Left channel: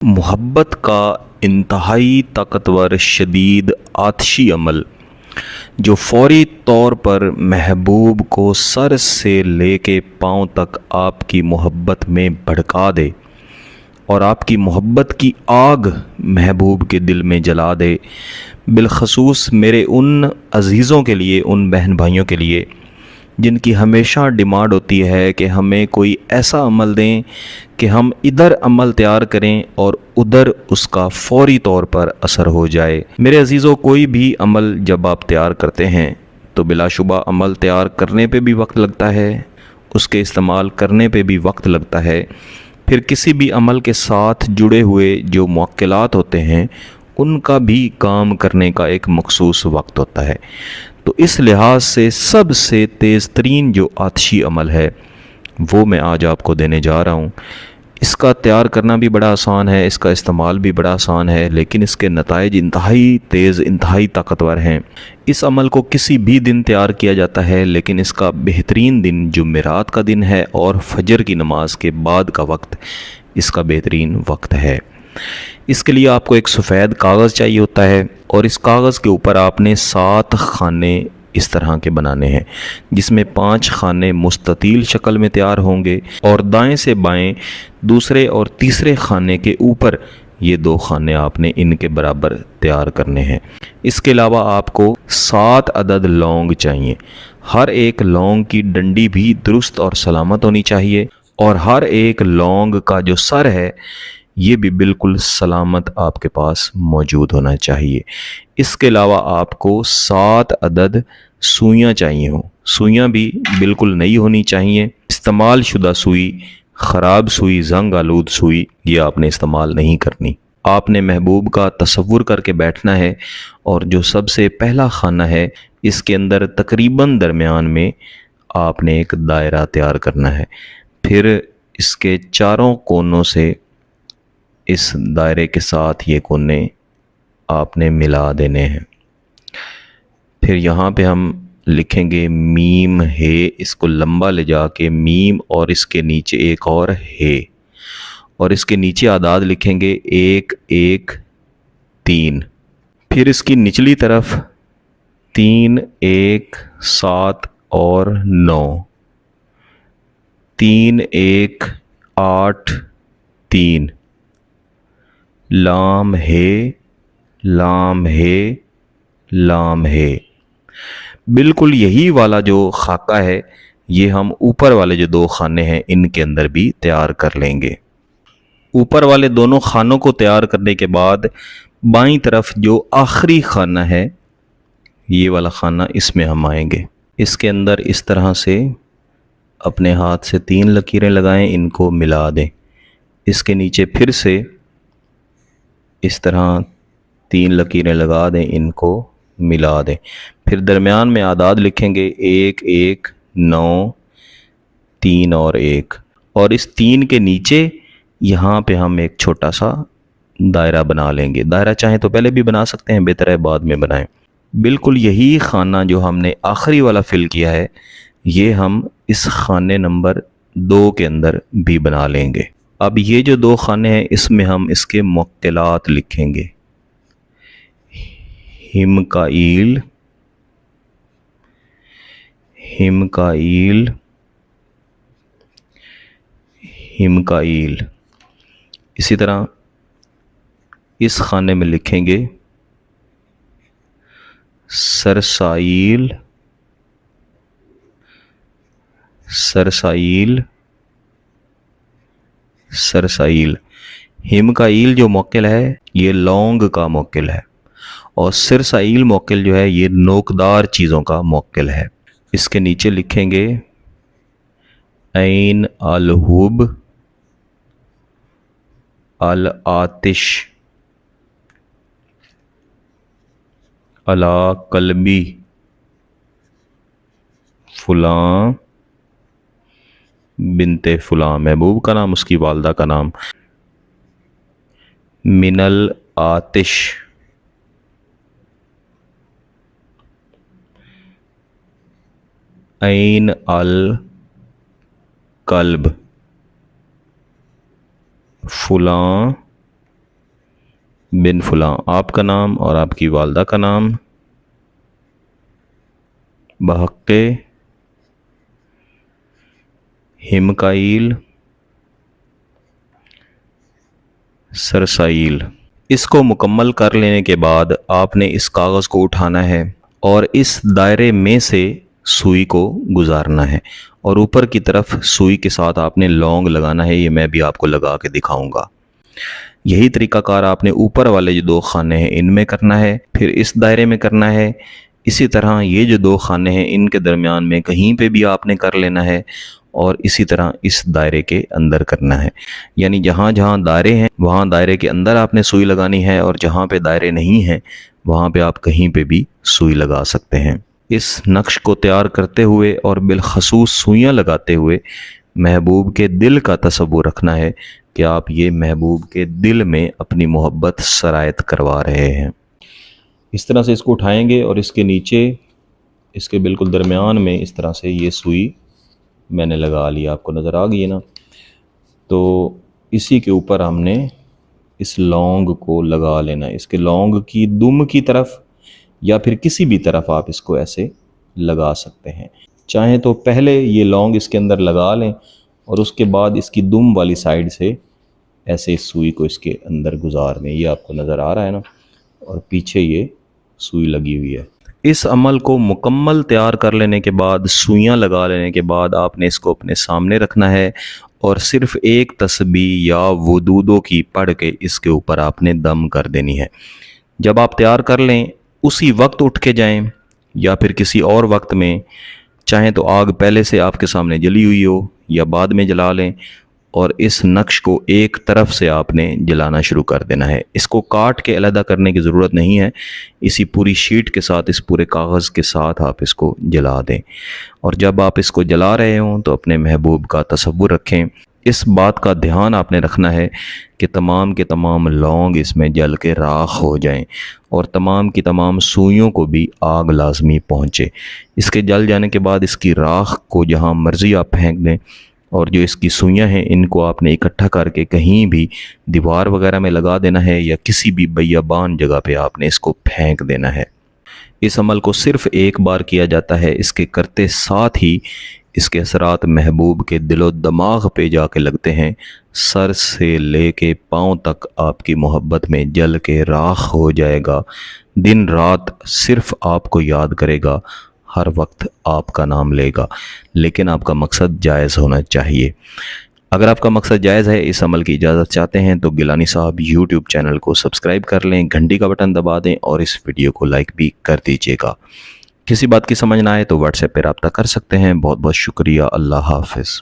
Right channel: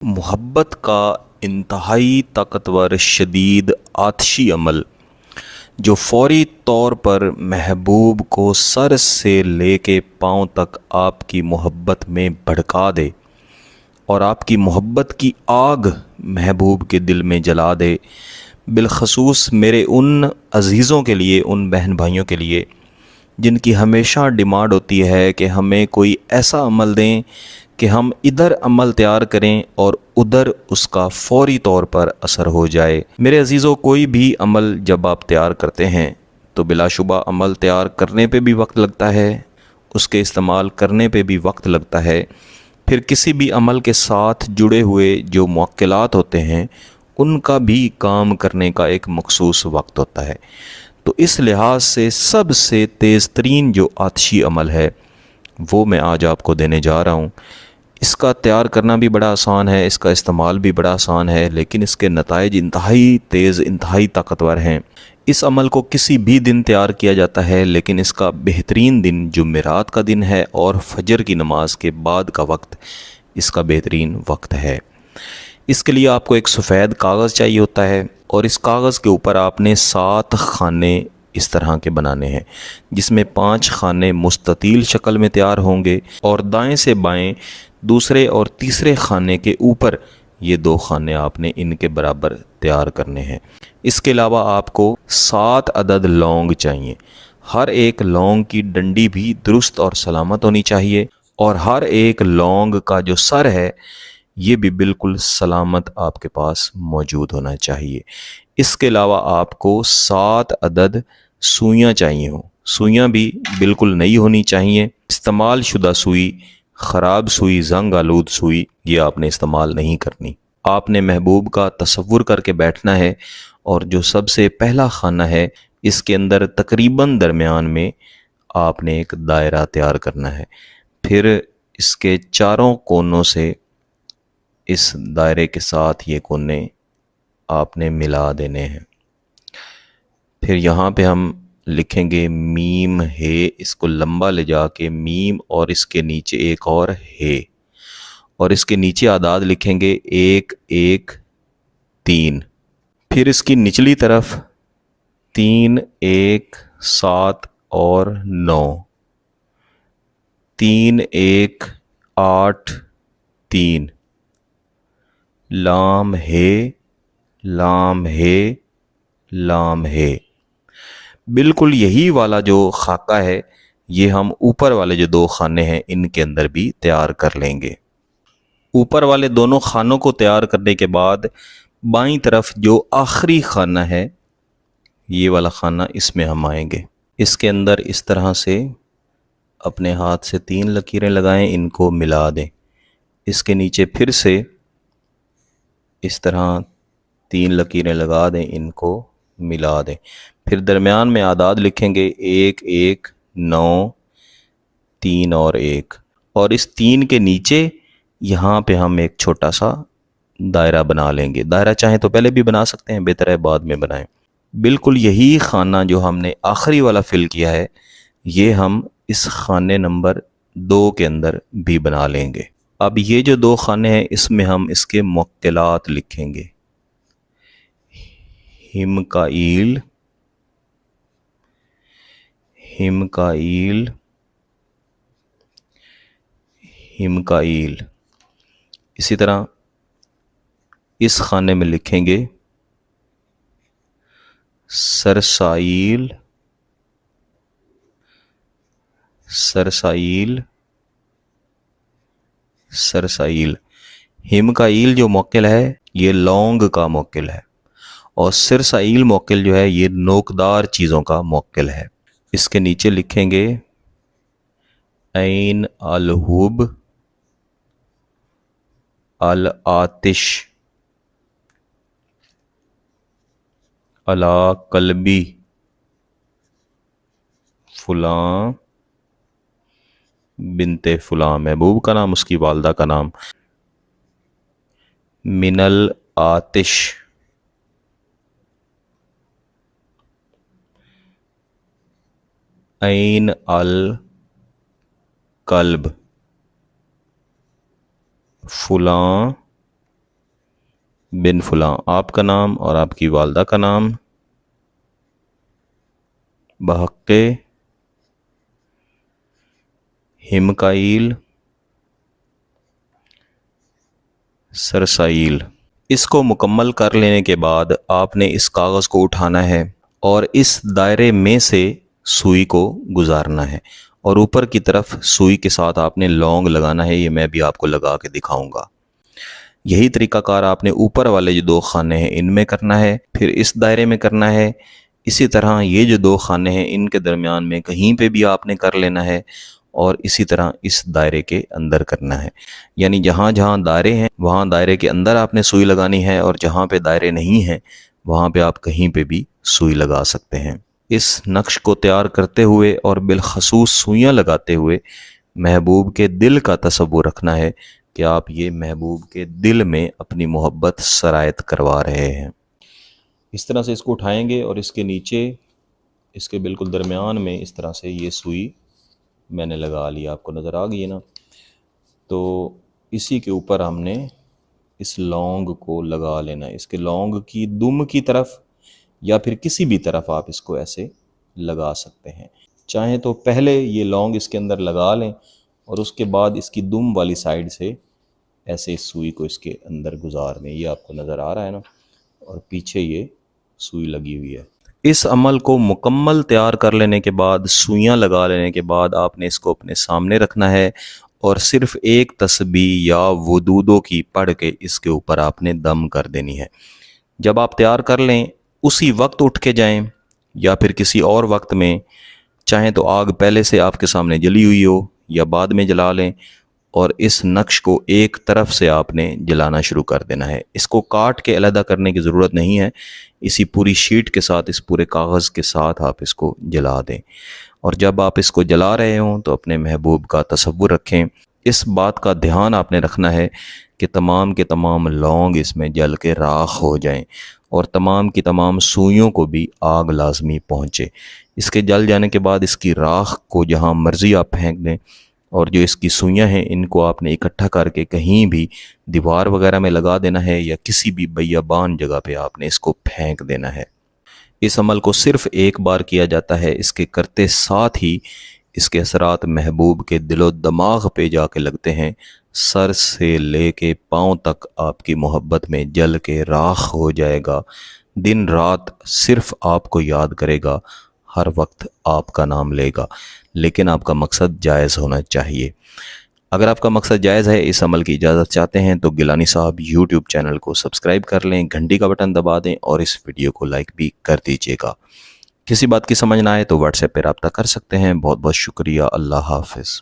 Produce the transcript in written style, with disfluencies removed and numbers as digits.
मोहब्बत का इंतहाई ताकतवर शदीद आतशी अमल जो फौरी तौर पर महबूब को सर से लेके पाँव तक आपकी मोहब्बत में भड़का दे और आपकी मोहब्बत की आग महबूब के दिल में जला दे। बिलखसूस मेरे उन अज़ीज़ों के लिए, उन बहन भाइयों के लिए जिनकी हमेशा डिमांड होती है कि हमें कोई ऐसा अमल दें कि हम इधर अमल तैयार करें और उधर उसका फौरी तौर पर असर हो जाए। मेरे अजीज़ों, कोई भी अमल जब आप तैयार करते हैं तो बिलाशुबा अमल तैयार करने पे भी वक्त लगता है, उसके इस्तेमाल करने पे भी वक्त लगता है। फिर किसी भी अमल के साथ जुड़े हुए जो मुअक्किलात होते हैं उनका भी काम करने का एक मखसूस वक्त होता है। तो इस लिहाज से सबसे तेज़ तरीन जो आतशी अमल है वो मैं आज आपको देने जा रहा हूँ। इसका तैयार करना भी बड़ा आसान है, इसका इस्तेमाल भी बड़ा आसान है, लेकिन इसके नताइज इंतहाई तेज़, इंतहाई ताकतवर हैं। इस अमल को किसी भी दिन तैयार किया जाता है, लेकिन इसका बेहतरीन दिन जुमेरात का दिन है और फजर की नमाज के बाद का वक्त इसका बेहतरीन वक्त है। इसके लिए आपको एक सफ़ेद कागज़ चाहिए होता है और इस कागज़ के ऊपर आपने 7 खाने इस तरह के बनाने हैं, जिसमें 5 खाने मुस्ततील शक्ल में तैयार होंगे और दाएं से बाएं दूसरे और तीसरे खाने के ऊपर ये 2 खाने आपने इनके बराबर तैयार करने हैं। इसके अलावा आपको 7 अदद लौंग चाहिए। हर एक लौंग की डंडी भी दुरुस्त और सलामत होनी चाहिए और हर एक लौंग का जो सर है ये भी बिल्कुल सलामत आपके पास मौजूद होना चाहिए। इसके अलावा आपको 7 अदद सुइयाँ चाहिए हो। सुइयाँ भी बिल्कुल नई होनी चाहिए। इस्तेमाल शुदा सुई, ख़राब सुई, जंग आलूद सुई ये आपने इस्तेमाल नहीं करनी। आपने महबूब का तसव्वुर करके बैठना है और जो सबसे पहला खाना है इसके अंदर तकरीबन दरमियान में आपने एक दायरा तैयार करना है। फिर इसके चारों कोनों से इस दायरे के साथ ये कोने आपने मिला देने हैं। फिर यहाँ पे हम लिखेंगे मीम है, इसको लंबा ले जाके मीम और इसके नीचे एक और है और इसके नीचे आदाद लिखेंगे 1 1 3। फिर इसकी निचली तरफ 3 1 7 और 9, 3 1 8 3, लाम है, लाम है, लाम है। बिल्कुल यही वाला जो खाका है ये हम ऊपर वाले जो 2 खाने हैं इनके अंदर भी तैयार कर लेंगे। ऊपर वाले दोनों खानों को तैयार करने के बाद बाईं तरफ जो आखिरी खाना है ये वाला खाना, इसमें हम आएंगे। इसके अंदर इस तरह से अपने हाथ से 3 लकीरें लगाएं, इनको मिला दें। इसके नीचे फिर से इस तरह 3 लकीरें लगा दें, इनको मिला दें। फिर दरमियान में आदाद लिखेंगे 1 1 9 3 और 1 और इस 3 के नीचे यहाँ पे हम एक छोटा सा दायरा बना लेंगे। दायरा चाहे तो पहले भी बना सकते हैं, बेहतर है बाद में बनाएं। बिल्कुल यही खाना जो हमने आखिरी वाला फिल किया है ये हम इस खाने नंबर 2 के अंदर भी बना लेंगे। अब ये जो 2 खाने हैं इसमें हम इसके मुक्तलात लिखेंगे। हिमकाईल, हिमकाईल, हिमकाईल। इसी तरह इस खाने में लिखेंगे सरसाईल, सरसाईल, सरसाईल। हिमकाईल जो मौकिल है ये लौंग का मौकिल है और सिरसाईल मौकिल जो है ये नोकदार चीज़ों का मौकिल है। इसके नीचे लिखेंगे ऐन अल हुब, अल आतिश, अला कल्बी, फुलां बिनते फुलां, महबूब का नाम, उसकी वालदा का नाम। मिनल आतिश, ऐन अल कल्ब, फुलां बिन फलां आप का नाम और आपकी वालदा का नाम, बहक्के हिमकाइल सरसाइल। इसको मुकम्मल कर लेने के बाद आपने इस कागज़ को उठाना है और इस दायरे में से सुई को गुजारना है और ऊपर की तरफ सुई के साथ आपने लौंग लगाना है। ये मैं भी आपको लगा के दिखाऊंगा। यही तरीकाकार आपने ऊपर वाले जो 2 खाने हैं इनमें करना है, फिर इस दायरे में करना है। इसी तरह ये जो 2 खाने हैं इनके दरमियान में कहीं पे भी आपने कर लेना है और इसी तरह इस दायरे के अंदर करना है। यानी जहाँ जहाँ दायरे हैं वहाँ दायरे के अंदर आपने सुई लगानी है और जहाँ पे दायरे नहीं हैं वहाँ पे आप कहीं पे भी सुई लगा सकते हैं। इस नक्श को तैयार करते हुए और बिलखसूस सुइयाँ लगाते हुए महबूब के दिल का तसव्वुर रखना है कि आप ये महबूब के दिल में अपनी मोहब्बत सरायत करवा रहे हैं। इस तरह से इसको उठाएंगे और इसके नीचे इसके बिल्कुल दरमियान में इस तरह से ये सुई मैंने लगा लिया, आपको नज़र आ गई है ना। तो इसी के ऊपर हमने इस लौंग को लगा लेना है। इसके लौंग की दुम की तरफ या फिर किसी भी तरफ आप इसको ऐसे लगा सकते हैं। चाहें तो पहले ये लौंग इसके अंदर लगा लें और उसके बाद इसकी दुम वाली साइड से ऐसे इस सुई को इसके अंदर गुजार दें। ये आपको नज़र आ रहा है ना, और पीछे ये सुई लगी हुई है। इस अमल को मुकम्मल तैयार कर लेने के बाद, सुइयाँ लगा लेने के बाद आपने इसको अपने सामने रखना है और सिर्फ़ एक तस्बीह या वुदूदों की पढ़ के इसके ऊपर आपने दम कर देनी है। जब आप तैयार कर लें उसी वक्त उठ के जाएं या फिर किसी और वक्त में, चाहें तो आग पहले से आपके सामने जली हुई हो या बाद में जला लें, और इस नक्श को एक तरफ से आपने जलाना शुरू कर देना है। इसको काट के अलहदा करने की ज़रूरत नहीं है, इसी पूरी शीट के साथ, इस पूरे कागज़ के साथ आप इसको जला दें। और जब आप इसको जला रहे हों तो अपने महबूब का तसव्वुर रखें। इस बात का ध्यान आपने रखना है कि तमाम के तमाम लौंग इसमें जल के राख हो जाएं और तमाम की तमाम सुइयों को भी आग लाजमी पहुँचे। इसके जल जाने के बाद इसकी राख को जहाँ मर्ज़ी आप फेंक दें और जो इसकी सुइयाँ हैं इनको आपने इकट्ठा करके कहीं भी दीवार वगैरह में लगा देना है या किसी भी बियाबान जगह पे आपने इसको फेंक देना है। इस अमल को सिर्फ़ एक बार किया जाता है। इसके करते साथ ही इसके असरात महबूब के दिलो दिमाग पे जाके लगते हैं। सर से लेके पाँव तक आपकी मोहब्बत में जल के राख हो जाएगा। दिन रात सिर्फ़ आपको याद करेगा, हर वक्त आपका नाम लेगा, लेकिन आपका मकसद जायज़ होना चाहिए। अगर आपका मकसद जायज़ है, इस अमल की इजाज़त चाहते हैं तो गिलानी साहब यूट्यूब चैनल को सब्सक्राइब कर लें, घंटी का बटन दबा दें और इस वीडियो को लाइक भी कर दीजिएगा। किसी बात की समझ ना आए तो व्हाट्सएप पर रब्ता कर सकते हैं। बहुत बहुत शुक्रिया। अल्लाह हाफ़िज़।